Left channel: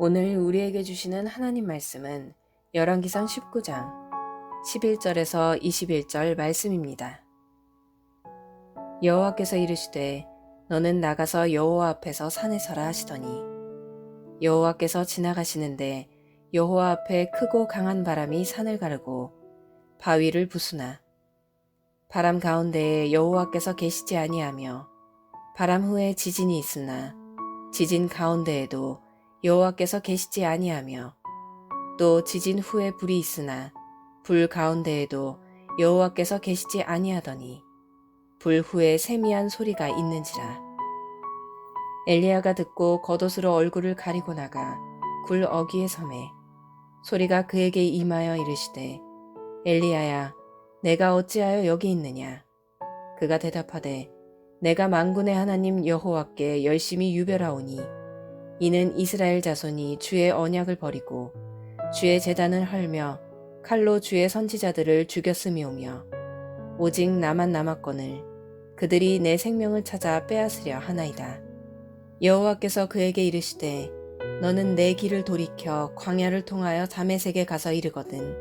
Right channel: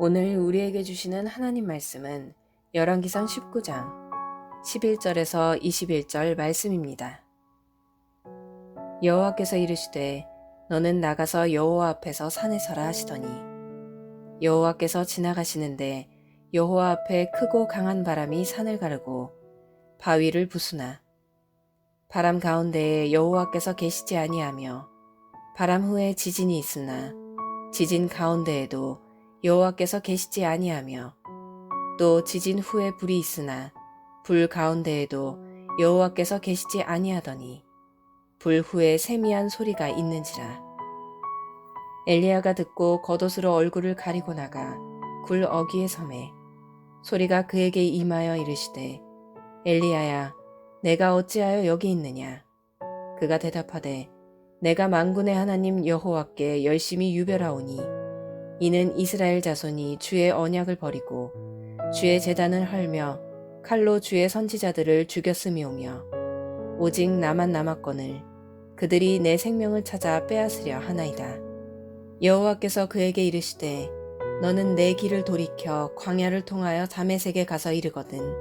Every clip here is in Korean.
오늘 우리에게 주시는 하나님 말씀은 열왕기상 19장 11절에서 21절 말씀입니다. 여호와께서 이르시되 너는 나가서 여호와 앞에서 산에 서라 하시더니 여호와께서 지나가시는데 여호와 앞에 크고 강한 바람이 산을 가르고 바위를 부수나 바람 가운데에 여호와께서 계시지 아니하며 바람 후에 지진이 있으나 지진 가운데에도 여호와께서 계시지 아니하며 또 지진 후에 불이 있으나 불 가운데에도 여호와께서 계시지 아니하더니 불 후에 세미한 소리가 있는지라. 엘리야가 듣고 겉옷으로 얼굴을 가리고 나가 굴 어귀에 섬에 소리가 그에게 임하여 이르시되 엘리야야 내가 어찌하여 여기 있느냐. 그가 대답하되 내가 만군의 하나님 여호와께 열심히 유별하오니 이는 이스라엘 자손이 주의 언약을 버리고 주의 제단을 헐며 칼로 주의 선지자들을 죽였음이오며 오직 나만 남았거늘 그들이 내 생명을 찾아 빼앗으려 하나이다. 여호와께서 그에게 이르시되 너는 내 길을 돌이켜 광야를 통하여 다메섹에 가서 이르거든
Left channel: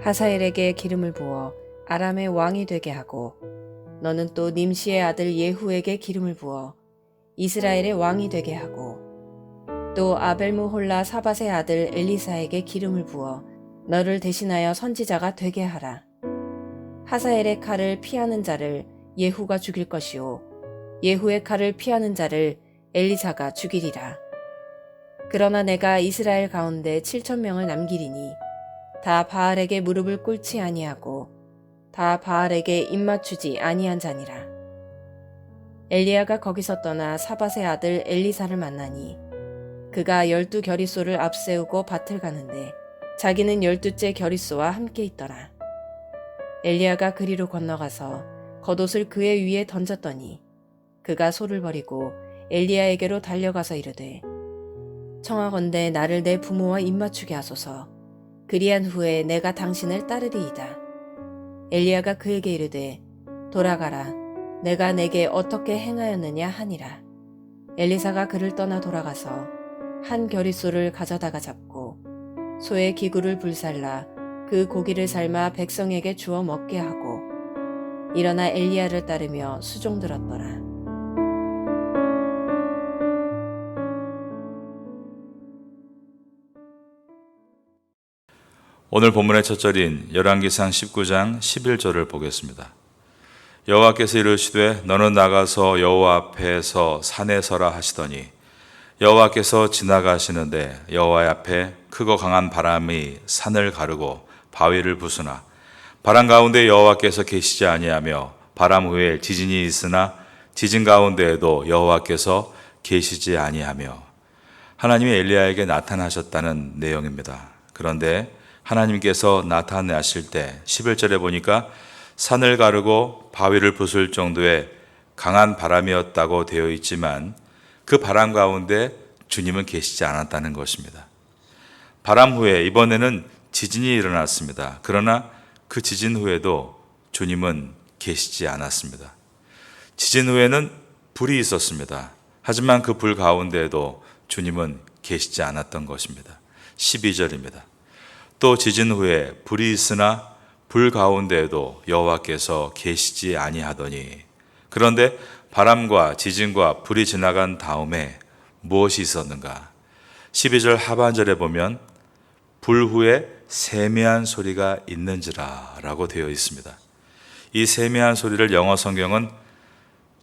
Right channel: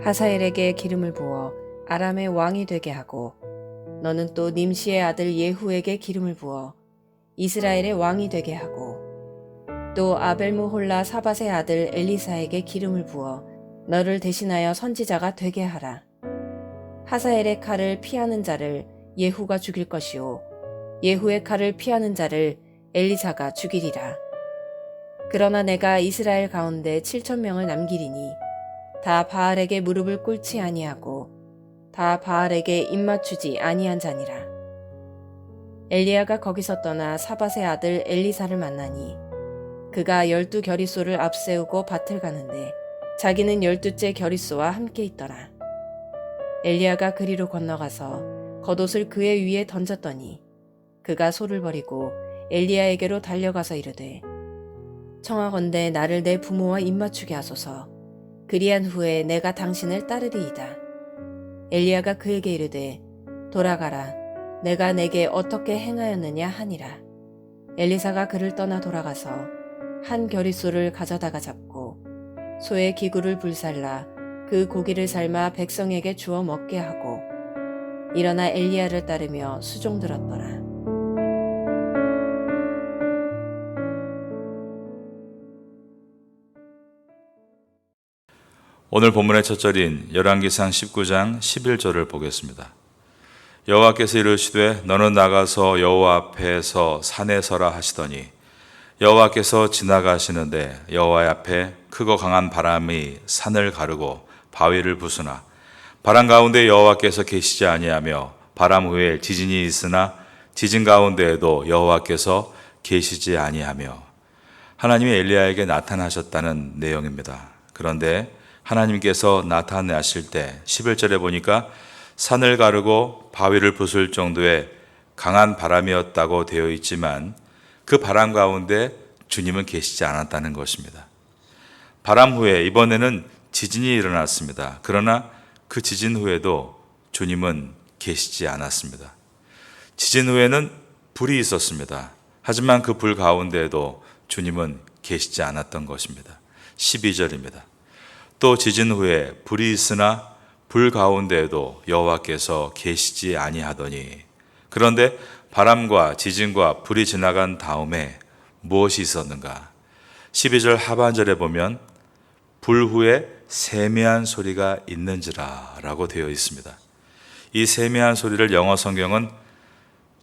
하사엘에게 기름을 부어 아람의 왕이 되게 하고 너는 또 님시의 아들 예후에게 기름을 부어 이스라엘의 왕이 되게 하고 또 아벨무홀라 사밧의 아들 엘리사에게 기름을 부어 너를 대신하여 선지자가 되게 하라. 하사엘의 칼을 피하는 자를 예후가 죽일 것이요 예후의 칼을 피하는 자를 엘리사가 죽이리라. 그러나 내가 이스라엘 가운데 7,000명을 남기리니 다 바알에게 무릎을 꿇지 아니하고 다 바알에게 입맞추지 아니한 자니라. 엘리야가 거기서 떠나 사밧의 아들 엘리사를 만나니 그가 12겨리소를 앞세우고 밭을 가는데 자기는 12째 겨리소와 함께 있더라. 엘리야가 그리로 건너가서 겉옷을 그의 위에 던졌더니 그가 소를 버리고 엘리야에게로 달려가서 이르되 청하건대 나를 내 부모와 입맞추게 하소서. 그리한 후에 내가 당신을 따르리이다. 엘리야가 그에게 이르되 돌아가라. 내가 내게 어떻게 행하였느냐 하니라. 엘리사가 그를 떠나 돌아가서 한 겨리소를 가져다가 잡고 소의 기구를 불살라 그 고기를 삶아 백성에게 주어 먹게 하고 일어나 엘리야를 따르며 수종들었더라. 오늘 본문의 첫 절인 열왕기상 19장 11절을 보겠습니다. 여호와께서 이르시되 너는 나가서 여호와 앞에서 산에 서라 하시더니 여호와께서 지나가시는데 여호와 앞에 크고 강한 바람이 산을 가르고 바위를 부수나 바람 가운데 여호와께서 계시지 아니하며 바람 후에 지진이 있으나 지진 가운데에도 여호와께서 계시지 아니하며 하나님이 엘리야에게 나타나셨다는 내용입니다. 그런데 하나님께서 나타나실 때 11절에 보니까 산을 가르고 바위를 부술 정도의 강한 바람이었다고 되어 있지만 그 바람 가운데 주님은 계시지 않았다는 것입니다. 바람 후에 이번에는 지진이 일어났습니다. 그러나 그 지진 후에도 주님은 계시지 않았습니다. 지진 후에는 불이 있었습니다. 하지만 그 불 가운데에도 주님은 계시지 않았던 것입니다. 12절입니다. 또 지진 후에 불이 있으나 불 가운데에도 여호와께서 계시지 아니하더니 그런데 바람과 지진과 불이 지나간 다음에 무엇이 있었는가? 12절 하반절에 보면 불 후에 세미한 소리가 있는지라 라고 되어 있습니다. 이 세미한 소리를 영어 성경은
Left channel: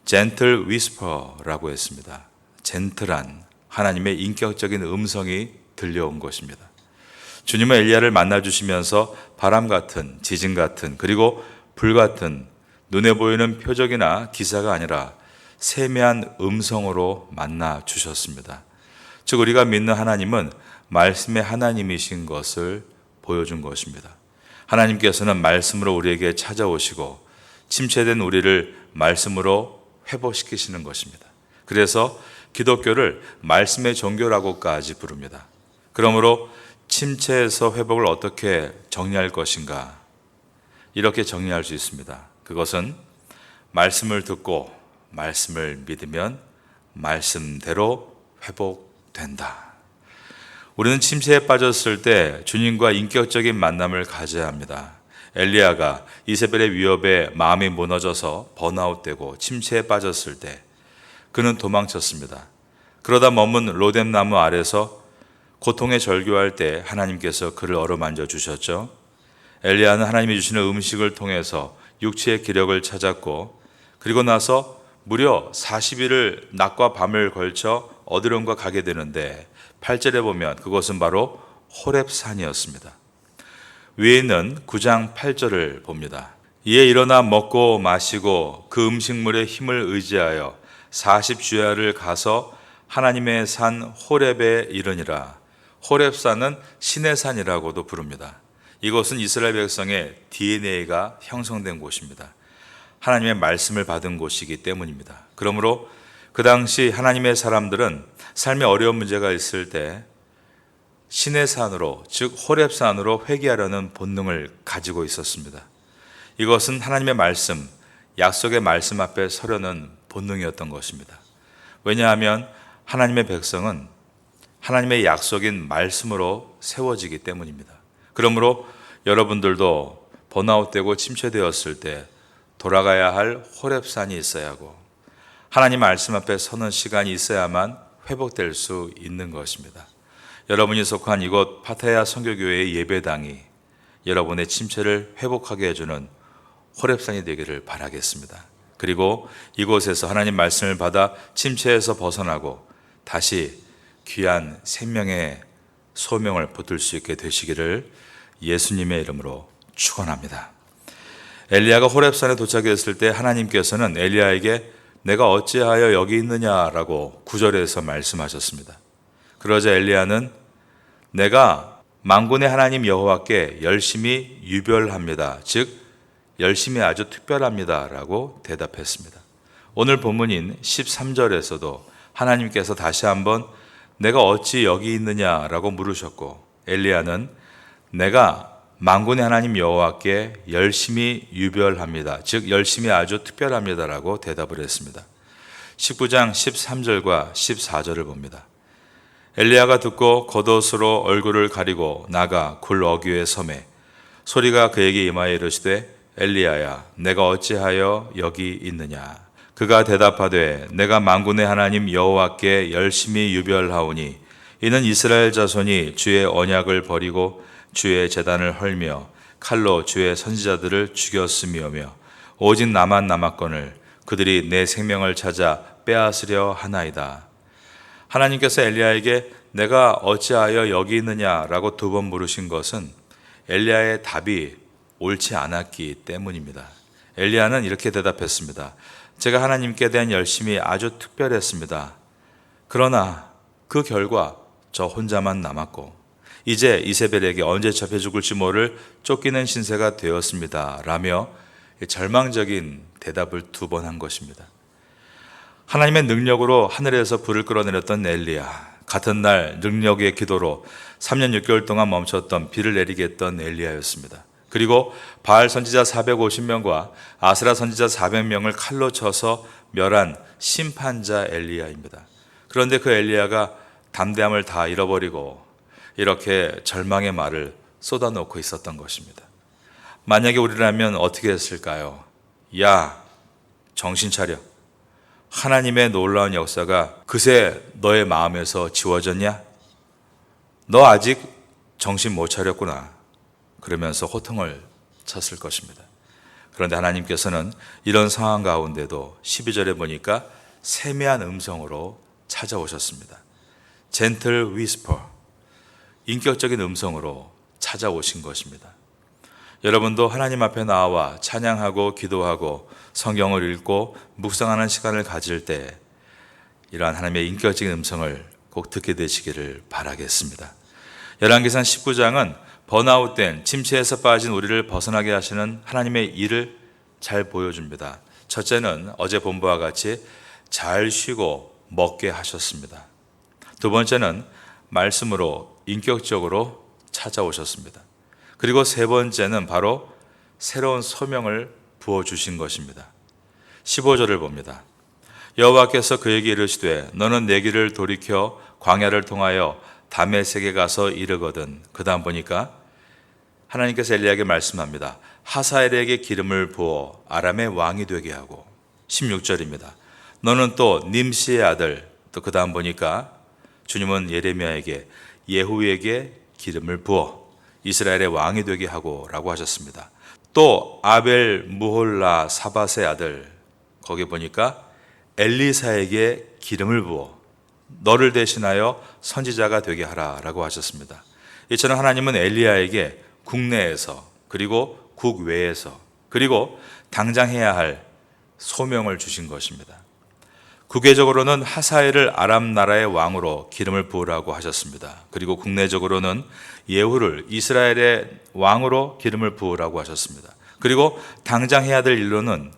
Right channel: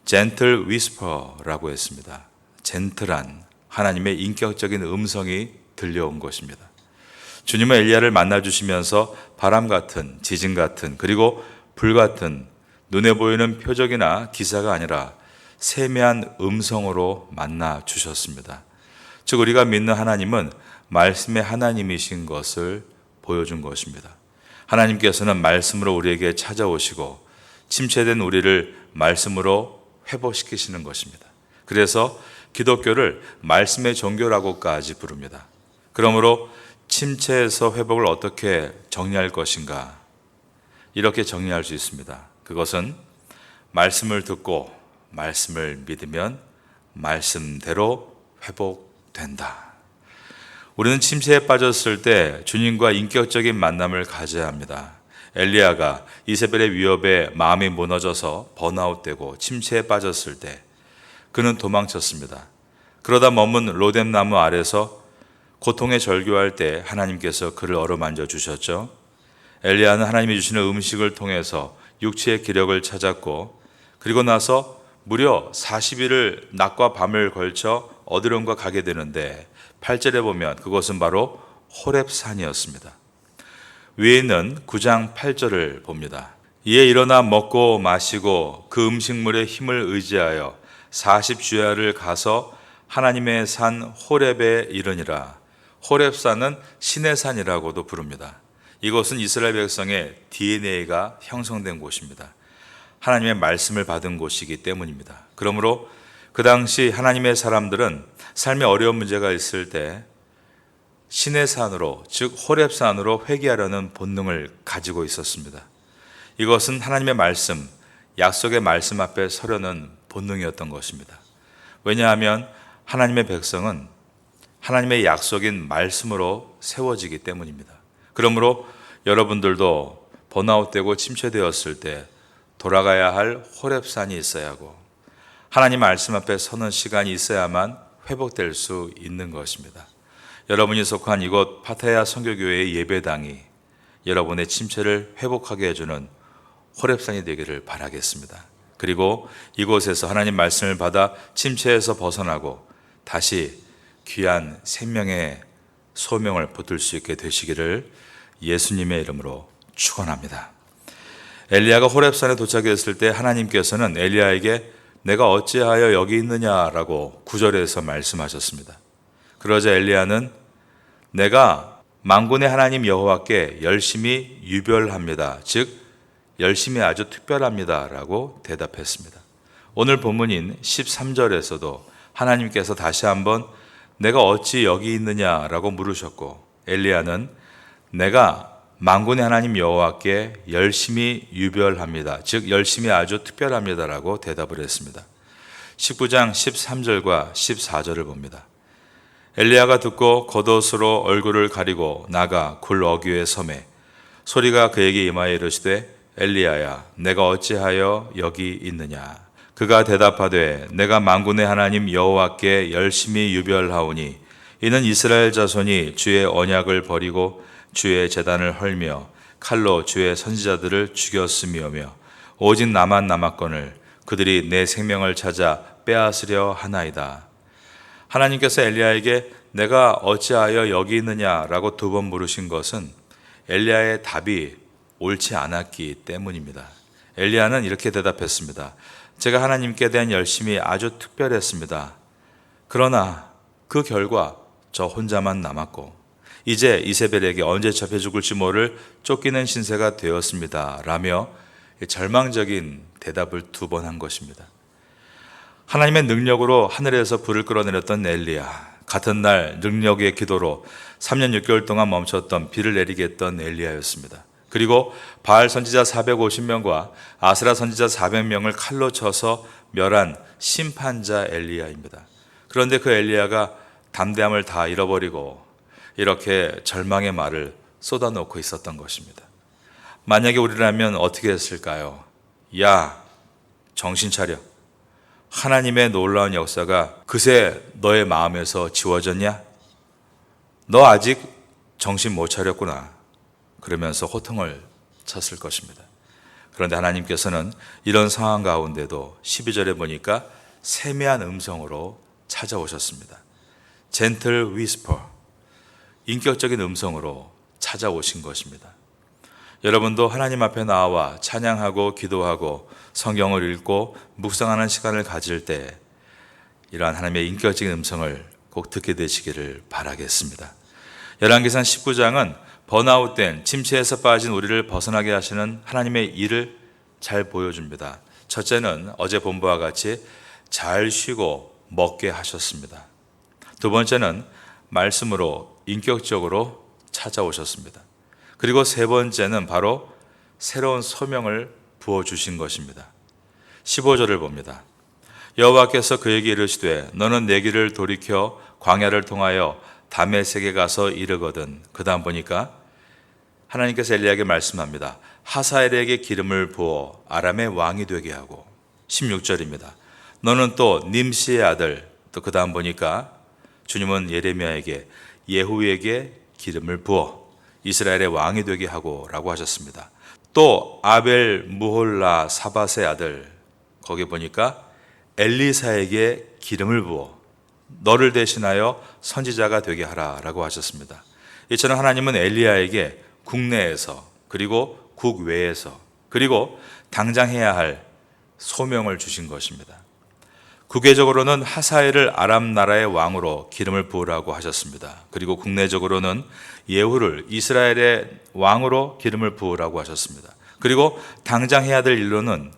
gentle whisper라고 했습니다. 젠틀한 하나님의 인격적인 음성이 들려온 것입니다. 주님은 엘리야를 만나주시면서 바람 같은, 지진 같은, 그리고 불 같은 눈에 보이는 표적이나 기사가 아니라 세미한 음성으로 만나주셨습니다. 즉 우리가 믿는 하나님은 말씀의 하나님이신 것을 보여준 것입니다. 하나님께서는 말씀으로 우리에게 찾아오시고 침체된 우리를 말씀으로 회복시키시는 것입니다. 그래서 기독교를 말씀의 종교라고까지 부릅니다. 그러므로 침체에서 회복을 어떻게 정리할 것인가? 이렇게 정리할 수 있습니다. 그것은 말씀을 듣고 말씀을 믿으면 말씀대로 회복된다. 우리는 침체에 빠졌을 때 주님과 인격적인 만남을 가져야 합니다. 엘리야가 이세벨의 위협에 마음이 무너져서 번아웃되고 침체에 빠졌을 때 그는 도망쳤습니다. 그러다 머문 로뎀나무 아래서 고통에 절규할 때 하나님께서 그를 어루만져 주셨죠. 엘리야는 하나님이 주시는 음식을 통해서 육체의 기력을 찾았고 그리고 나서 무려 40일을 낮과 밤을 걸쳐 어디론가 가게 되는데 8절에 보면 그것은 바로 호렙산이었습니다. 위에 있는 9장 8절을 봅니다. 이에 일어나 먹고 마시고 그 음식물의 힘을 의지하여 40주야를 가서 하나님의 산 호렙에 이르니라. 호렙산은 신의 산이라고도 부릅니다. 이곳은 이스라엘 백성의 DNA가 형성된 곳입니다. 하나님의 말씀을 받은 곳이기 때문입니다. 그러므로 그 당시 하나님의 사람들은 삶에 어려운 문제가 있을 때 신의 산으로, 즉 호렙산으로 회개하려는 본능을 가지고 있었습니다. 이것은 하나님의 말씀, 약속의 말씀 앞에 서려는 본능이었던 것입니다. 왜냐하면 하나님의 백성은 하나님의 약속인 말씀으로 세워지기 때문입니다. 그러므로 여러분들도 번아웃되고 침체되었을 때 돌아가야 할 호렙산이 있어야 하고 하나님 말씀 앞에 서는 시간이 있어야만 회복될 수 있는 것입니다. 여러분이 속한 이곳 파타야 선교교회의 예배당이 여러분의 침체를 회복하게 해주는 호렙산이 되기를 바라겠습니다. 그리고 이곳에서 하나님 말씀을 받아 침체에서 벗어나고 다시 귀한 생명의 소명을 붙들 수 있게 되시기를 예수님의 이름으로 축원합니다. 엘리야가 호렙산에 도착했을 때 하나님께서는 엘리야에게 내가 어찌하여 여기 있느냐라고 9절에서 말씀하셨습니다. 그러자 엘리야는 내가 만군의 하나님 여호와께 열심히 유별합니다. 즉 열심히 아주 특별합니다 라고 대답했습니다. 오늘 본문인 13절에서도 하나님께서 다시 한번 내가 어찌 여기 있느냐라고 물으셨고 엘리야는 내가 만군의 하나님 여호와께 열심히 유별합니다. 즉 열심히 아주 특별합니다라고 대답을 했습니다. 19장 13절과 14절을 봅니다. 엘리야가 듣고 겉옷으로 얼굴을 가리고 나가 굴 어귀에 섬에 소리가 그에게 임하여 이르시되 엘리야야 내가 어찌하여 여기 있느냐. 그가 대답하되 내가 만군의 하나님 여호와께 열심히 유별하오니 이는 이스라엘 자손이 주의 언약을 버리고 주의 제단을 헐며 칼로 주의 선지자들을 죽였음이오며 오직 나만 남았거늘 그들이 내 생명을 찾아 빼앗으려 하나이다. 하나님께서 엘리야에게 내가 어찌하여 여기 있느냐라고 2번 물으신 것은 엘리야의 답이 옳지 않았기 때문입니다. 엘리야는 이렇게 대답했습니다. 제가 하나님께 대한 열심이 아주 특별했습니다. 그러나 그 결과 저 혼자만 남았고 이제 이세벨에게 언제 잡혀 죽을지 모를 쫓기는 신세가 되었습니다. 라며 절망적인 대답을 2번 한 것입니다. 하나님의 능력으로 하늘에서 불을 끌어내렸던 엘리야, 같은 날 능력의 기도로 3년 6개월 동안 멈췄던 비를 내리게 했던 엘리야였습니다. 그리고 바알 선지자 450명과 아스라 선지자 400명을 칼로 쳐서 멸한 심판자 엘리야입니다. 그런데 그 엘리야가 담대함을 다 잃어버리고 이렇게 절망의 말을 쏟아놓고 있었던 것입니다. 만약에 우리라면 어떻게 했을까요? 야, 정신 차려. 하나님의 놀라운 역사가 그새 너의 마음에서 지워졌냐? 너 아직 정신 못 차렸구나. 그러면서 호통을 쳤을 것입니다. 그런데 하나님께서는 이런 상황 가운데도 12절에 보니까 세미한 음성으로 찾아오셨습니다. 젠틀 위스퍼, 인격적인 음성으로 찾아오신 것입니다. 여러분도 하나님 앞에 나와 찬양하고 기도하고 성경을 읽고 묵상하는 시간을 가질 때 이러한 하나님의 인격적인 음성을 꼭 듣게 되시기를 바라겠습니다. 열왕기상 19장은 번아웃된 침체에서 빠진 우리를 벗어나게 하시는 하나님의 일을 잘 보여줍니다. 첫째는 어제 본부와 같이 잘 쉬고 먹게 하셨습니다. 두 번째는 말씀으로 인격적으로 찾아오셨습니다. 그리고 세 번째는 바로 새로운 소명을 부어주신 것입니다. 15절을 봅니다. 여호와께서 그에게 이르시되 너는 내 길을 돌이켜 광야를 통하여 다메섹에 가서 이르거든. 그 다음 보니까 하나님께서 엘리야에게 말씀합니다. 하사엘에게 기름을 부어 아람의 왕이 되게 하고 16절입니다. 너는 또 님시의 아들, 또 그 다음 보니까 주님은 예레미야에게 예후에게 기름을 부어 이스라엘의 왕이 되게 하고 라고 하셨습니다. 또 아벨 무홀라 사밧의 아들, 거기 보니까 엘리사에게 기름을 부어 너를 대신하여 선지자가 되게 하라 라고 하셨습니다. 이처럼 하나님은 엘리야에게 국내에서 그리고 국외에서 그리고 당장 해야 할 소명을 주신 것입니다. 국외적으로는 하사엘을 아람 나라의 왕으로 기름을 부으라고 하셨습니다. 그리고 국내적으로는 예후를 이스라엘의 왕으로 기름을 부으라고 하셨습니다. 그리고 당장 해야 될 일로는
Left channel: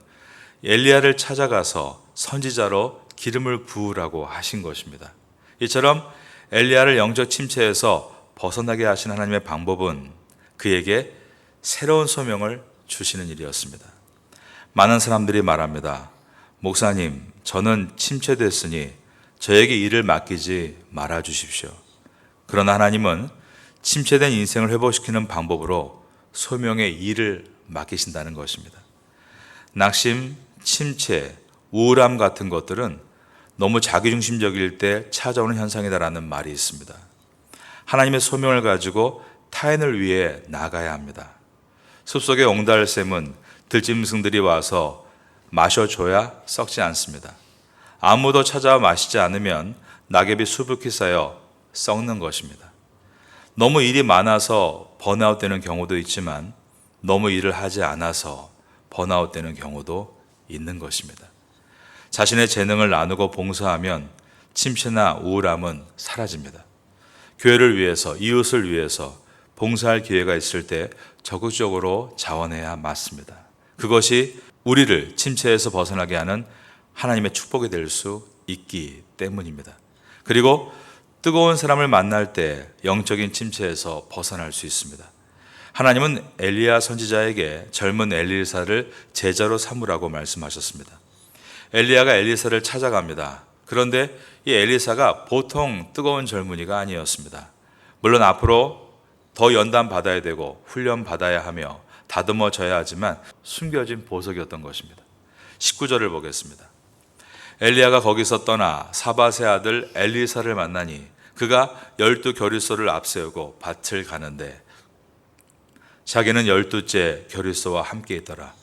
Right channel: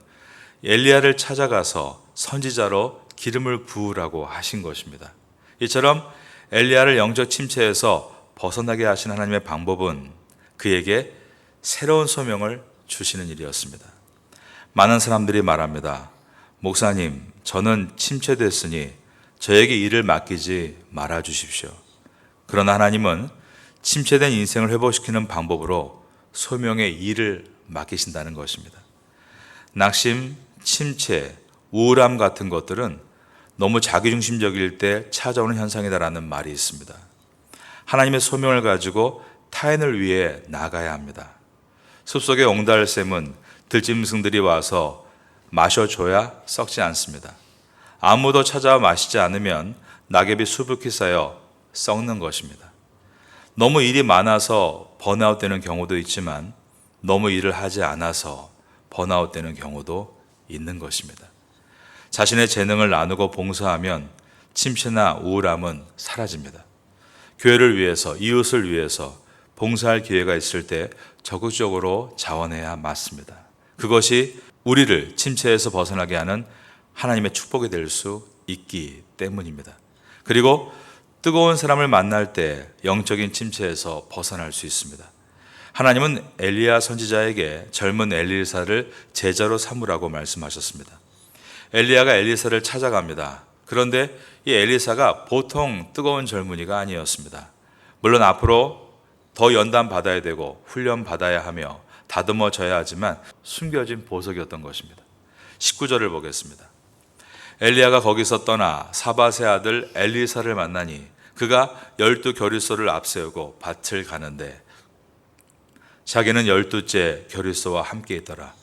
엘리야를 찾아가서 선지자로 기름을 부으라고 하신 것입니다. 이처럼 엘리야를 영적 침체에서 벗어나게 하신 하나님의 방법은 그에게 새로운 소명을 주시는 일이었습니다. 많은 사람들이 말합니다. 목사님, 저는 침체됐으니 저에게 일을 맡기지 말아 주십시오. 그러나 하나님은 침체된 인생을 회복시키는 방법으로 소명의 일을 맡기신다는 것입니다. 낙심, 침체, 우울함 같은 것들은 너무 자기중심적일 때 찾아오는 현상이다라는 말이 있습니다. 하나님의 소명을 가지고 타인을 위해 나가야 합니다. 숲속의 옹달샘은 들짐승들이 와서 마셔줘야 썩지 않습니다. 아무도 찾아와 마시지 않으면 낙엽이 수북히 쌓여 썩는 것입니다. 너무 일이 많아서 번아웃 되는 경우도 있지만 너무 일을 하지 않아서 번아웃 되는 경우도 있는 것입니다. 자신의 재능을 나누고 봉사하면 침체나 우울함은 사라집니다. 교회를 위해서, 이웃을 위해서 봉사할 기회가 있을 때 적극적으로 자원해야 맞습니다. 그것이 우리를 침체에서 벗어나게 하는 하나님의 축복이 될 수 있기 때문입니다. 그리고 뜨거운 사람을 만날 때 영적인 침체에서 벗어날 수 있습니다. 하나님은 엘리야 선지자에게 젊은 엘리사를 제자로 삼으라고 말씀하셨습니다. 엘리야가 엘리사를 찾아갑니다. 그런데 이 엘리사가 보통 뜨거운 젊은이가 아니었습니다. 물론 앞으로 더 연단 받아야 되고 훈련 받아야 하며 다듬어져야 하지만 숨겨진 보석이었던 것입니다. 19절을 보겠습니다. 엘리야가 거기서 떠나 사밧의 아들 엘리사를 만나니 그가 12겨리소를 앞세우고 밭을 가는데 자기는 12째 겨리소와 함께 있더라.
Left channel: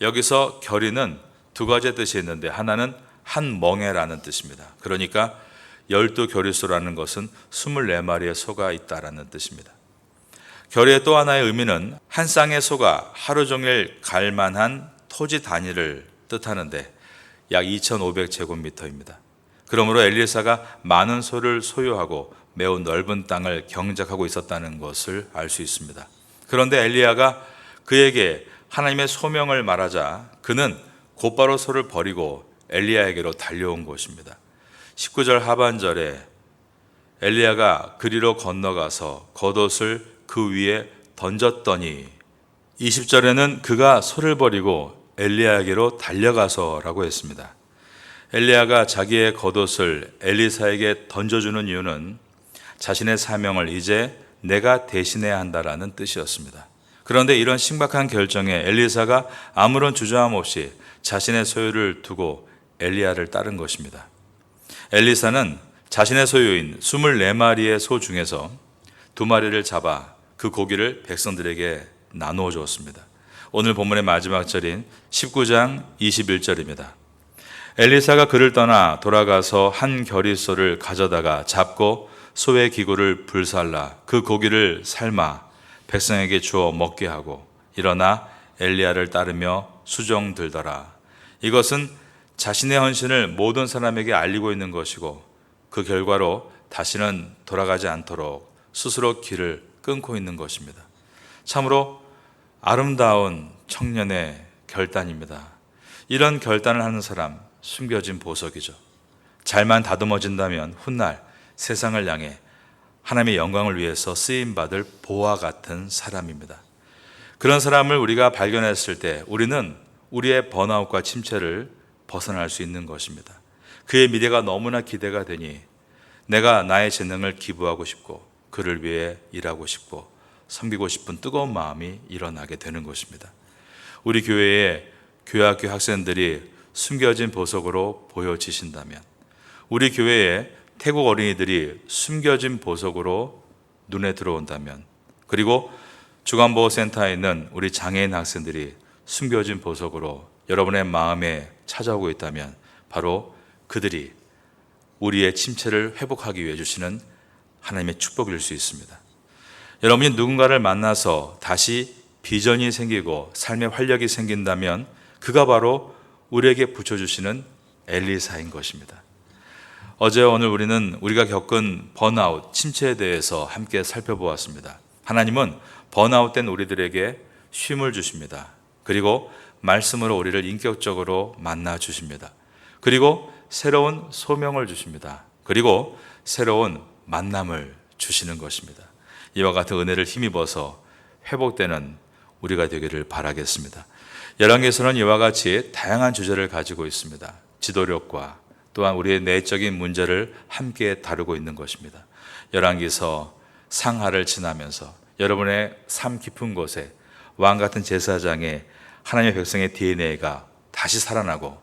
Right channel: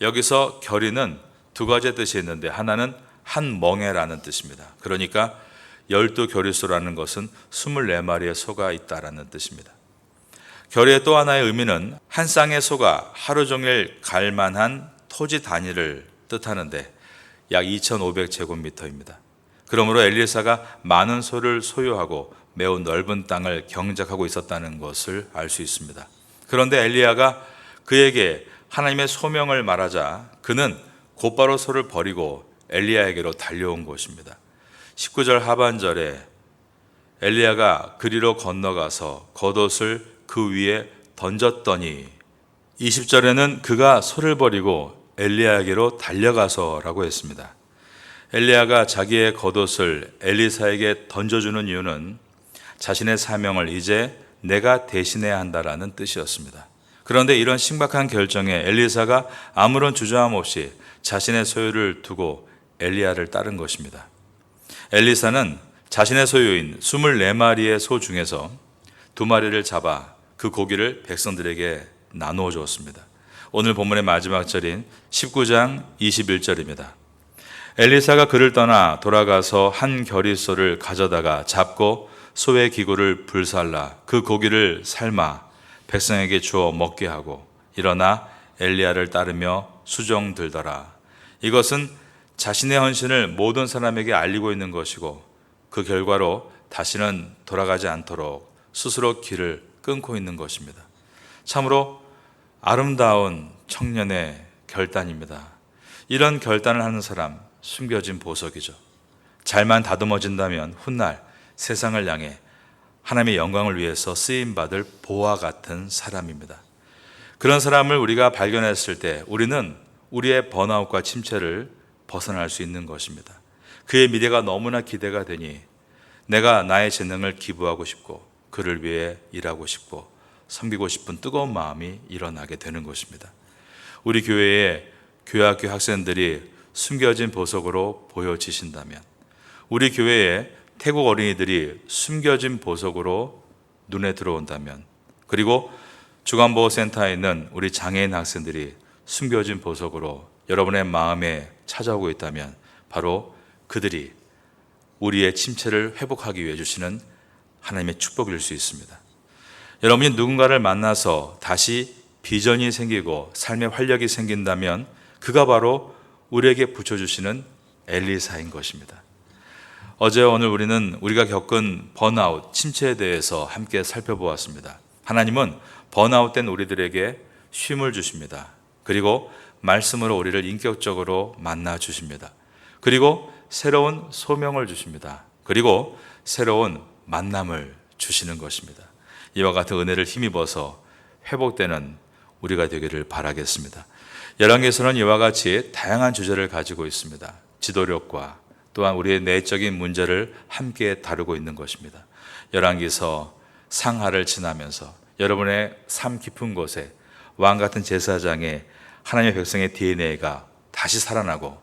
여기서 겨리는 두 가지 뜻이 있는데 하나는 한 멍에라는 뜻입니다. 그러니까 12겨리소라는 것은 24마리의 소가 있다라는 뜻입니다. 겨리의 또 하나의 의미는 한 쌍의 소가 하루 종일 갈 만한 토지 단위를 뜻하는데 약 2,500제곱미터입니다. 그러므로 엘리사가 많은 소를 소유하고 매우 넓은 땅을 경작하고 있었다는 것을 알 수 있습니다. 그런데 엘리야가 그에게 하나님의 소명을 말하자 그는 곧바로 소를 버리고 엘리야에게로 달려온 것입니다. 19절 하반절에 엘리야가 그리로 건너가서 겉옷을 그 위에 던졌더니 20절에는 그가 소를 버리고 엘리야에게로 달려가서라고 했습니다. 엘리야가 자기의 겉옷을 엘리사에게 던져주는 이유는 자신의 사명을 이제 내가 대신해야 한다라는 뜻이었습니다. 그런데 이런 신박한 결정에 엘리사가 아무런 주저함 없이 자신의 소유를 두고 엘리야를 따른 것입니다. 엘리사는 자신의 소유인 24마리의 소 중에서 2마리를 잡아 그 고기를 백성들에게 나누어 주었습니다. 오늘 본문의 마지막 절인 19장 21절입니다. 엘리사가 그를 떠나 돌아가서 한 겨리소를 가져다가 잡고 소의 기구를 불살라 그 고기를 삶아 백성에게 주어 먹게 하고 일어나 엘리야를 따르며 수종 들더라. 이것은 자신의 헌신을 모든 사람에게 알리고 있는 것이고 그 결과로 다시는 돌아가지 않도록 스스로 길을 끊고 있는 것입니다. 참으로 아름다운 청년의 결단입니다. 이런 결단을 하는 사람 숨겨진 보석이죠. 잘만 다듬어진다면 훗날 세상을 향해 하나님의 영광을 위해서 쓰임받을 보화 같은 사람입니다. 그런 사람을 우리가 발견했을 때 우리는 우리의 번아웃과 침체를 벗어날 수 있는 것입니다. 그의 미래가 너무나 기대가 되니 내가 나의 재능을 기부하고 싶고 그를 위해 일하고 싶고 섬기고 싶은 뜨거운 마음이 일어나게 되는 것입니다. 우리 교회의 교회학교 학생들이 숨겨진 보석으로 보여지신다면, 우리 교회의 태국 어린이들이 숨겨진 보석으로 눈에 들어온다면, 그리고 주간보호센터에 있는 우리 장애인 학생들이 숨겨진 보석으로 여러분의 마음에 찾아오고 있다면 바로 그들이 우리의 침체를 회복하기 위해 주시는 하나님의 축복일 수 있습니다. 여러분이 누군가를 만나서 다시 비전이 생기고 삶의 활력이 생긴다면 그가 바로 우리에게 붙여주시는 엘리사인 것입니다. 어제 오늘 우리는 우리가 겪은 번아웃, 침체에 대해서 함께 살펴보았습니다. 하나님은 번아웃된 우리들에게 쉼을 주십니다. 그리고 말씀으로 우리를 인격적으로 만나 주십니다. 그리고 새로운 소명을 주십니다. 그리고 새로운 만남을 주시는 것입니다. 이와 같은 은혜를 힘입어서 회복되는 우리가 되기를 바라겠습니다. 열왕기서는 이와 같이 다양한 주제를 가지고 있습니다. 지도력과 또한 우리의 내적인 문제를 함께 다루고 있는 것입니다. 열왕기서 상하를 지나면서 여러분의 삶 깊은 곳에 왕 같은 제사장의 하나님의 백성의 DNA가 다시 살아나고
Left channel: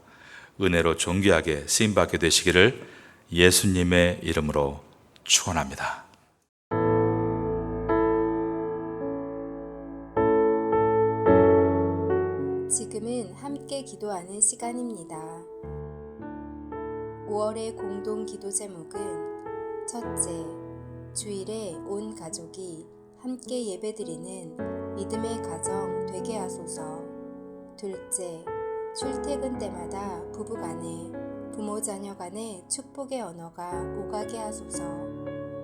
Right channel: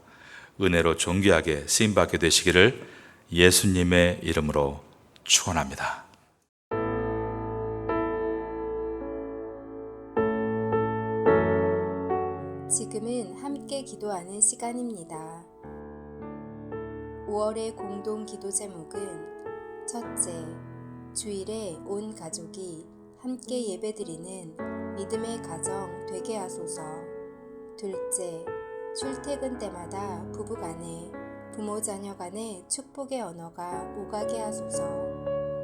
은혜로 존귀하게 쓰임받게 되시기를 예수님의 이름으로 축원합니다. 지금은 함께 기도하는 시간입니다. 5월의 공동 기도 제목은 첫째, 주일에 온 가족이 함께 예배드리는 믿음의 가정 되게 하소서. 둘째, 출퇴근 때마다 부부간에 부모 자녀 간의 축복의 언어가 오가게 하소서.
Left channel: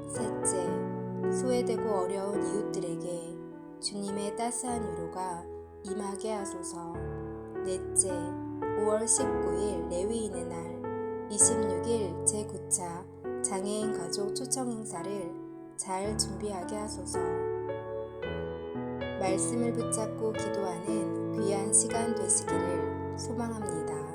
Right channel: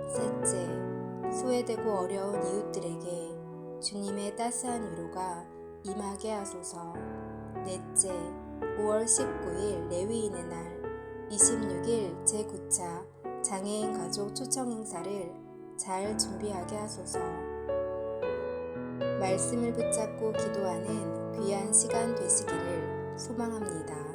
셋째, 소외되고 어려운 이웃들에게 주님의 따스한 위로가 임하게 하소서. 넷째, 5월 19일 레위인의 날, 26일 제9차 장애인 가족 초청 행사를 잘 준비하게 하소서. 말씀을 붙잡고 기도하는 귀한 시간 되시기를 소망합니다.